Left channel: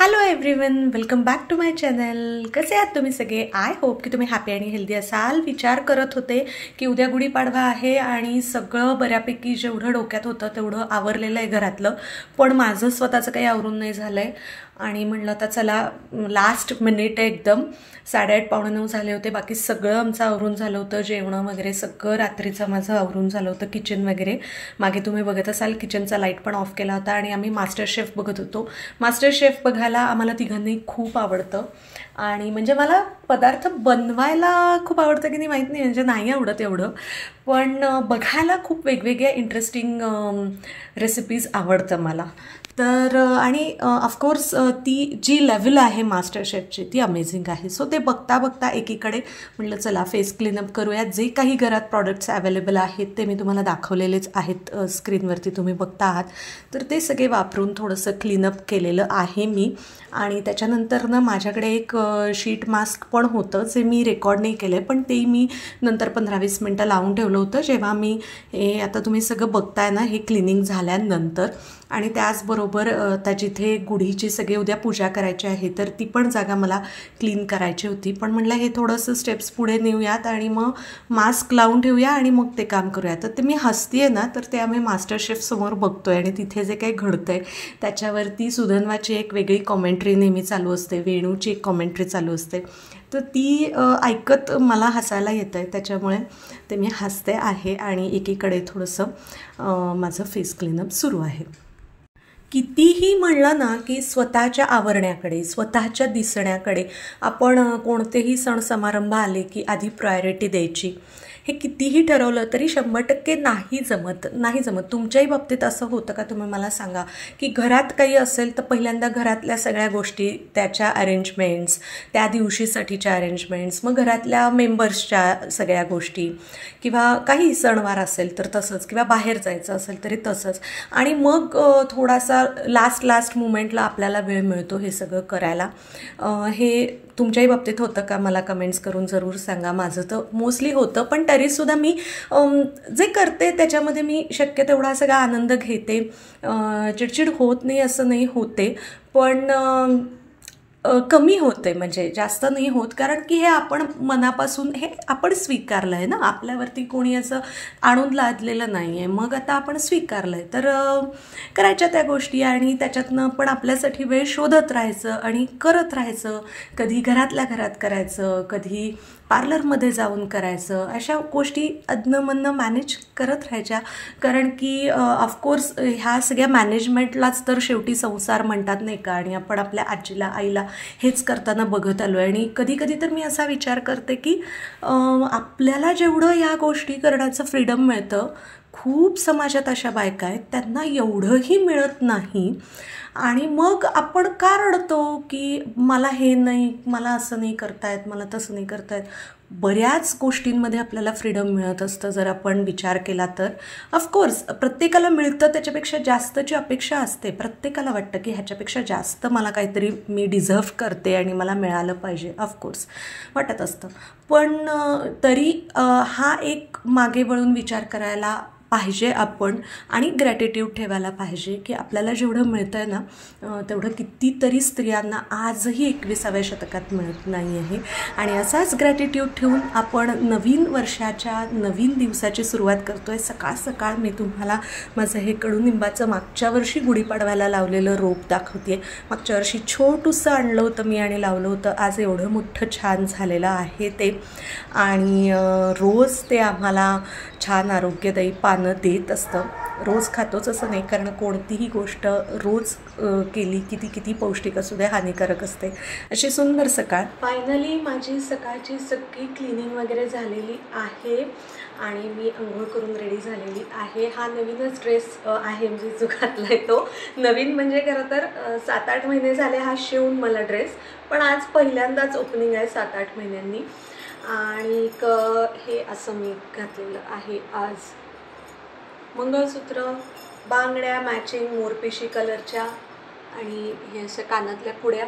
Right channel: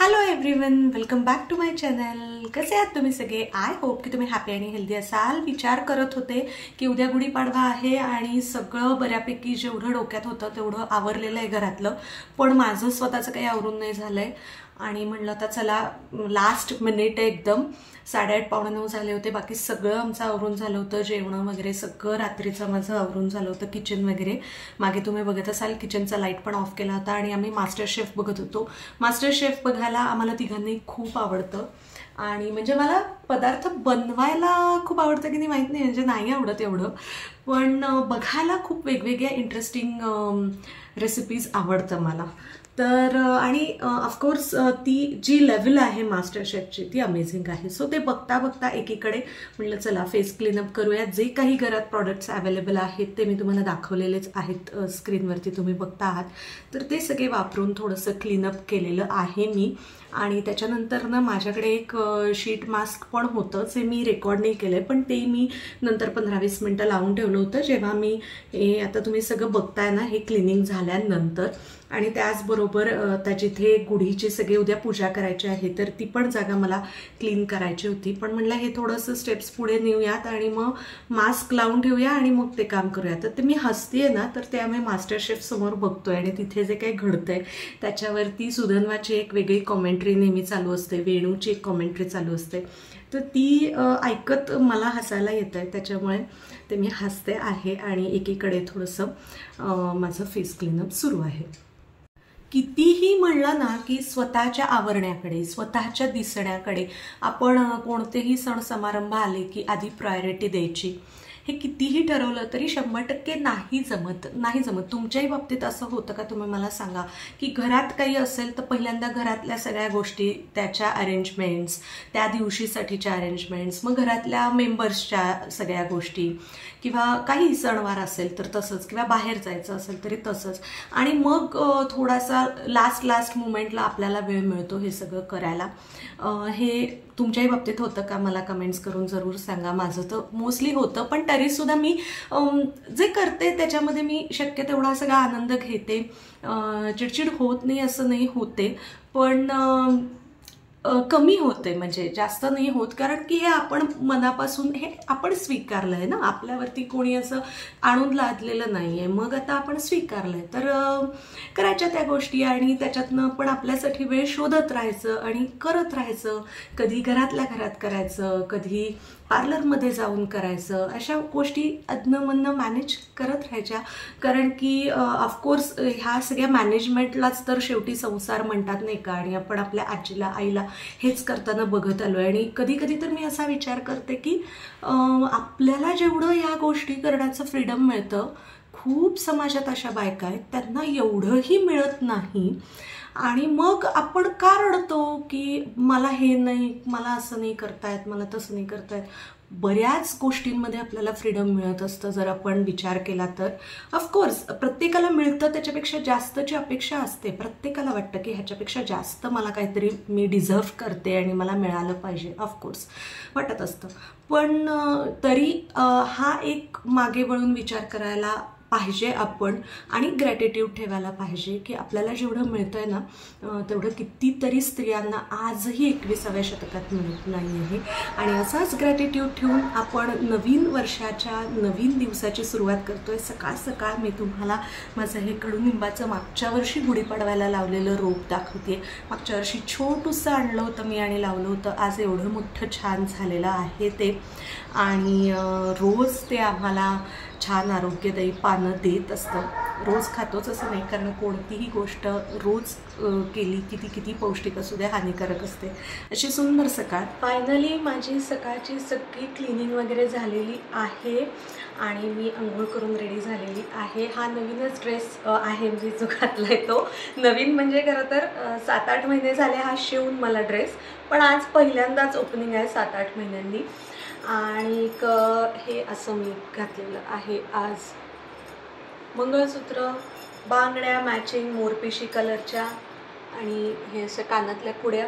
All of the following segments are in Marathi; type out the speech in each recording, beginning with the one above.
Hello everyone, welcome back to my channel. कसे आहात तुम्ही सगळे? आय होप की तुम्ही हॅपी आणि हेल्दी असाल. विचार करत होते की उद्या गुढीपाडवा आहे आणि सगळं बऱ्यापैकी जेवढं डोक्यात होतं तेवढं आवरलेलं आहे घरातलं, पण माझं स्वतःचं काही आवरून नाही झालं आहे. आणि म्हणलं तर चला, लास्ट मिनिट आहे एकदम. 8:30 पावणे 9 झाले होते. बाकी सगळं आमचं आवरून झालं होतं, जेवणं वगैरे सगळं रात्रीचं माझं आवरून झालं होतं. किचन वगैरे मागे तुम्ही बघत असाल, किचनचा लाईट पण ऑफ केला होता आणि आम्ही मास्टर शेफ बघत होतो. मास्टर शेफ बघायला आम्हाला तिघांनाही खूप आवडतं आणि म्हणजे मला पदार्थ बनवायला खूप आवडतं की नाही माहीत नाही, म्हणजे नाही आवडत एवढं, पण बघायला खूप वेगवेगळ्या इंटरेस्टिंग रेसिपीज आवडतं मला. तर आणि ऑफकोर्स ती जी लेवल आहे मास्टर शेफची ती अमेझिंग आहे. सो ते बघता बघता एकीकडे म्हटलं चला फेस क्लीनअप करूया. जे काही घरात प्रॉडक्ट्स अवेलेबल आहेत ते मी तुम्हाला दाखवलेलेच आहेत, स्क्रीनवरती तुम्ही बघता आहात. तर ते सगळे वापरून थोडंसं क्लीनअप केलेलं आहे मी. आणि त्याच्यानंतर ना माझ्याकडे एक शीट मास्क पण होतं, जे मी रेकॉर्ड नाही केलं आहे, पण ते मी नंतर 15-20 मिनटं लावून ठेवलं होतं, जेव्हा मी हे आता तुम्ही सगळं बघताय ना हे क्लिनिंग झाल्यानंतर. आणि त्याचबरोबर त्या जिथे गुढीची सगळी उद्या पूजा करायची आहे तर ती पण जागा मला क्लीन करायची होती. पण म्हटलं हे थोडंसं स्टेप्स पुढे नेऊयात आणि मग मास्क लावून ठेवूया आणि मग ते काम करूया. तर ते मी हसते ना, तर ते आम्ही मास्टर शेफसमोर बघतोय आणि तिथे जे काही घडतंय त्याच्यावरती सुधन्वाची एक वेगळी कॉमेंट्री नेहमी चालू असते, वेणूची एक कॉमेंट्री चालू असते. तर ती ऐकत मला हसायला येतं आहे, त्याच्यामुळे ते मी हसते आहे आणि एकीकडे थोडंसं माझं फेस क्लीनअप सुरू आहे. कितीही म्हणलं ना की स्वतःच्या आवरण्याकडे, स्वतःच्या दिसण्याकडे आपण कोणतेही सण समारंभ आले की आधी प्रायोरिटी द्यायची, हे कितीही ठरवलं तरी 100% नाही जमत. तुमच्याही बाबतीत असं होतं का? तुम्ही मला सांगा की घरात काही असेल तर पहिल्यांदा घरातल्या सगळ्या गोष्टी, त्याच्या अरेंजमेंट्स, त्या दिवशीसाठीच्या अरेंजमेंट्स, मग घरातल्या मेंबर्सच्या सगळ्या गोष्टी, किंवा काही सणवार असेल तर तसंच, किंवा बाहेर जायचं असेल तरी तसंच. आणि मग थोडासा लास्ट मुमेंटला आपल्याला वेळ मिळतो हे सगळं करायला. हे तुमच्याही बाबतीत होतं का? मला कमेंट्स करून जरूर सांगा. माझं तर मोस्टली होतं, पण तरीसुद्धा मी जे करते त्याच्यामध्ये मी शक्य तेवढा सगळा आनंद घेते. चिडचिड होत नाही असं नाही, होते, पण कमी होते, म्हणजे जास्त नाही होत, कारण की हे आपण मनापासून हे आपण स्वीकारलं आहे ना, आपल्यावरती कोणी असं आणून लादलेलं नाही आहे. मग आता आपण स्वीकारलं आहे तर करायच्या त्या गोष्टी आणि त्याच्यातनं पण आपल्यासाठी वेळ शोधत राहायचं आणि करत राहायचं. कधी घरातल्या घरात करायचं, कधी पार्लरमध्ये जाऊन करायचं, अशा गोष्टी अधनंमधनं मॅनेज करत राहायच्या. कारण की ऑफकोर्स ह्या सगळ्या मॅनेजमेंटलाच तर शेवटी संसार म्हणतात नाही का. आणि आपण आपल्या आजीला, आईला हेच करताना बघत आलो आहे. आणि कधी कधी तर मी असा विचार करते की आपल्याला जेवढं या गोष्टी करण्याचं फ्रीडम मिळतं, खूप समाजात अशा बायका आहेत त्यांना एवढंही मिळत नाही. आणि मग आपण का रडतो की मला हे नाही, मला असं नाही करतायत, मला तसं नाही करतायत. बऱ्याच गोष्टींमध्ये आपल्याला फ्रीडम मिळत असतं जर आपण विचार केला तर. ऑफकोर्स प्रत्येकाला मिळतं त्याच्यापेक्षा जास्तची अपेक्षा असते. प्रत्येकाला वाटतं की ह्याच्यापेक्षा जास्त मला काहीतरी मी डिझर्व करते आणि मला मिळालं पाहिजे, ऑफकोर्स वाटत असतं. पण तरी हा एक मागे वळून विचार करायला पाहिजे आपण आणि ग्रॅटिट्यूड ठेवायला पाहिजे की आपल्याला जेवढं मिळतं आहे ना तेवढं कितीतरी स्त्रियांना आजही 21व्या शतकात मिळत नाही आहे. आणि असाच ग्रॅटिट्यूड ठेवून आपण नवीन वर्षाच्या, नवीन दिवसाची सुरुवात करतो आहे. सकाळ सकाळ मी तुम्हाला माझं हे कडुनिंबाचं मागच्या वर्षी गुढीपाडवायला लावलेलं रोप दाखवते आहे. मागच्या वर्षी छोटूसं आणलं होतं मी आणि लावलं होतं. आज एवढं मोठं छान झालेलं आहे ते. आणि रोज ते आम्हाला छान आरोग्यदायी पानं देत असतं. रोज खातोच असं नाही, कारण कोणतीही गोष्ट रोज केली की ती किती पौष्टिक असू दे, हानिकारक असते. अशी सुंदर सकाळ. फायनली माझी सकाळची सगळी क्लिनिंग वगैरे झालेली आहे आणि मी अंघोळ करून रेडी झालेली आहे. हा नवीनच ड्रेस आहे, म्हणजे जो घातला आहे तो नवीन. म्हणजे खरं तर 7-8 महिने झाले हा शिवून मला ड्रेस, पण आज पहिल्यांदाच ओपनिंग आहे 7-8 महिन्यांनी. आणि हे असं मी घातलेलं आहे आज. मंगळसूत्र, बांगड्या मॅचिंग मोरपिशी कलरच्या, आणि हे असं कानातल्या पुड्या.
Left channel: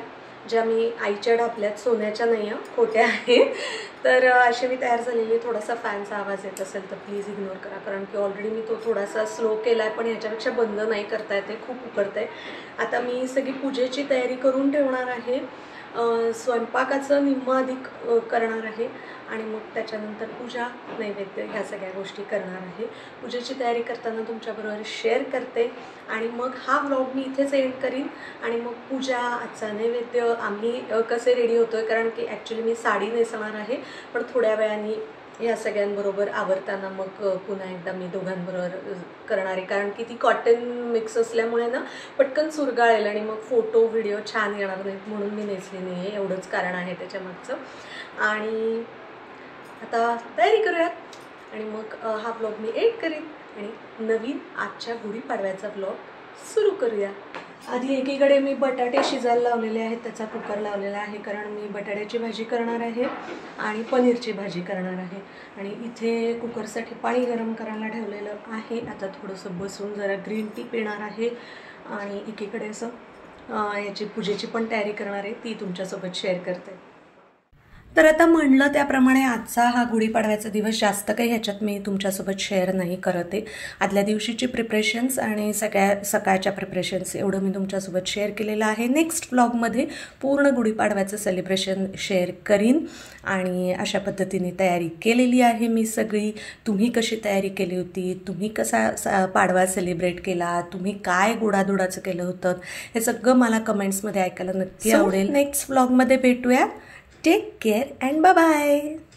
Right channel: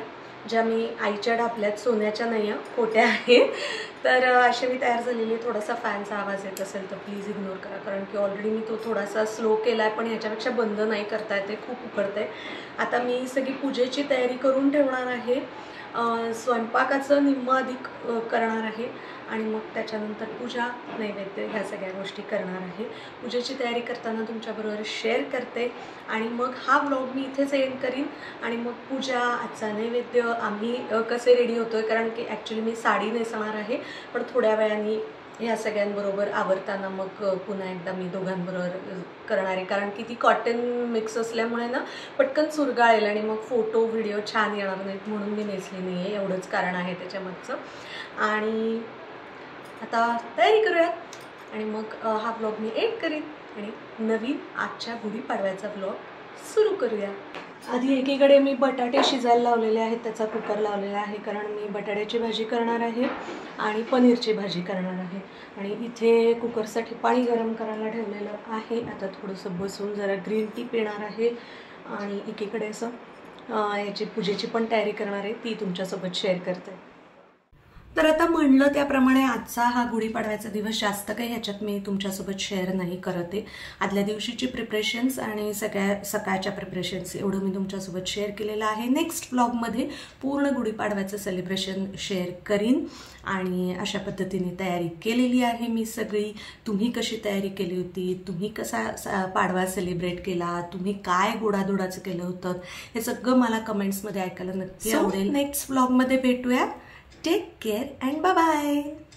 ज्या मी आईच्या ढापल्यात, सोन्याच्या नाही आहे, खोट्या आहेत. तर अशी मी तयार झालेली आहे. थोडासा फॅनचा आवाज येत असेल तर प्लीज इग्नोर करा, कारण की ऑलरेडी मी तो थोडासा स्लो केला आहे, पण ह्याच्यापेक्षा बंद नाही करता येते, खूप उकडतं आहे. आता मी सगळी पूजेची तयारी करून ठेवणार आहे. स्वयंपाकाचं निम्म अधिक करणार आहे आणि मग त्याच्यानंतर पूजा, नैवेद्य ह्या सगळ्या गोष्टी करणार आहे. पूजेची तयारी करताना तुमच्याबरोबर शेअर करते आणि मग हा व्लॉग मी इथेच एंड करीन. आणि मग पूजा, आजचा नैवेद्य, आम्ही कसे रेडी होतो आहे, कारण की ॲक्च्युली मी साडी नेसणार आहे, पण थोड्या वेळाने ह्या सगळ्यांबरोबर आवरताना मग पुन्हा एकदा मी दोघांबरोबर करणार आहे, कारण की ती कॉटन मिक्स असल्यामुळे ना पटकन चुरगाळेल आणि मग फोटो व्हिडिओ छान येणार नाहीत, म्हणून मी नेसली नाही आहे. एवढंच कारण आहे त्याच्यामागचं. आणि आता तयारी करूयात आणि मग हा व्लॉग मी एंड करीन आणि नवीन आजच्या गुढीपाडव्याचा व्लॉग सुरू करूया. आधी एकीकडे मी बटाटे शिजायला लावलेले आहेत, त्याचा कुकर लावलेला आहे, कारण मी बटाट्याची भाजी करणार आहे आणि पनीरची भाजी करणार आहे. आणि इथे कुकरसाठी पाणी गरम करायला ठेवलेलं आहे. आता थोडंसं बसून जरा ग्रीन टी पिणार आहे आणि एकीकडे असं याची पूजेची पण तयारी करणार आहे, ती तुमच्यासोबत शेअर करते. तर आता म्हणलं त्याप्रमाणे आजचा हा गुढीपाडव्याचा दिवस जास्त काही ह्याच्यात मी तुमच्यासोबत शेअर नाही करत आहे. आदल्या दिवशीची प्रिपरेशन्स आणि सकाळच्या प्रिपरेशन्स एवढं मी तुमच्यासोबत शेअर केलेलं आहे. नेक्स्ट व्लॉगमध्ये पूर्ण गुढीपाडव्याचं सेलिब्रेशन शेअर करीन आणि अशा पद्धतीने तयारी केलेली आहे मी सगळी. तुम्ही कशी तयारी केली होती, तुम्ही कसा पाडवा सेलिब्रेट केला, तुम्ही काय गोडाधोडाचं केलं होतं, हे सगळं मला कमेंट्समध्ये ऐकायला नक्की आवडेल. नेक्स्ट व्लॉगमध्ये भेटूया. Take care and bye-bye.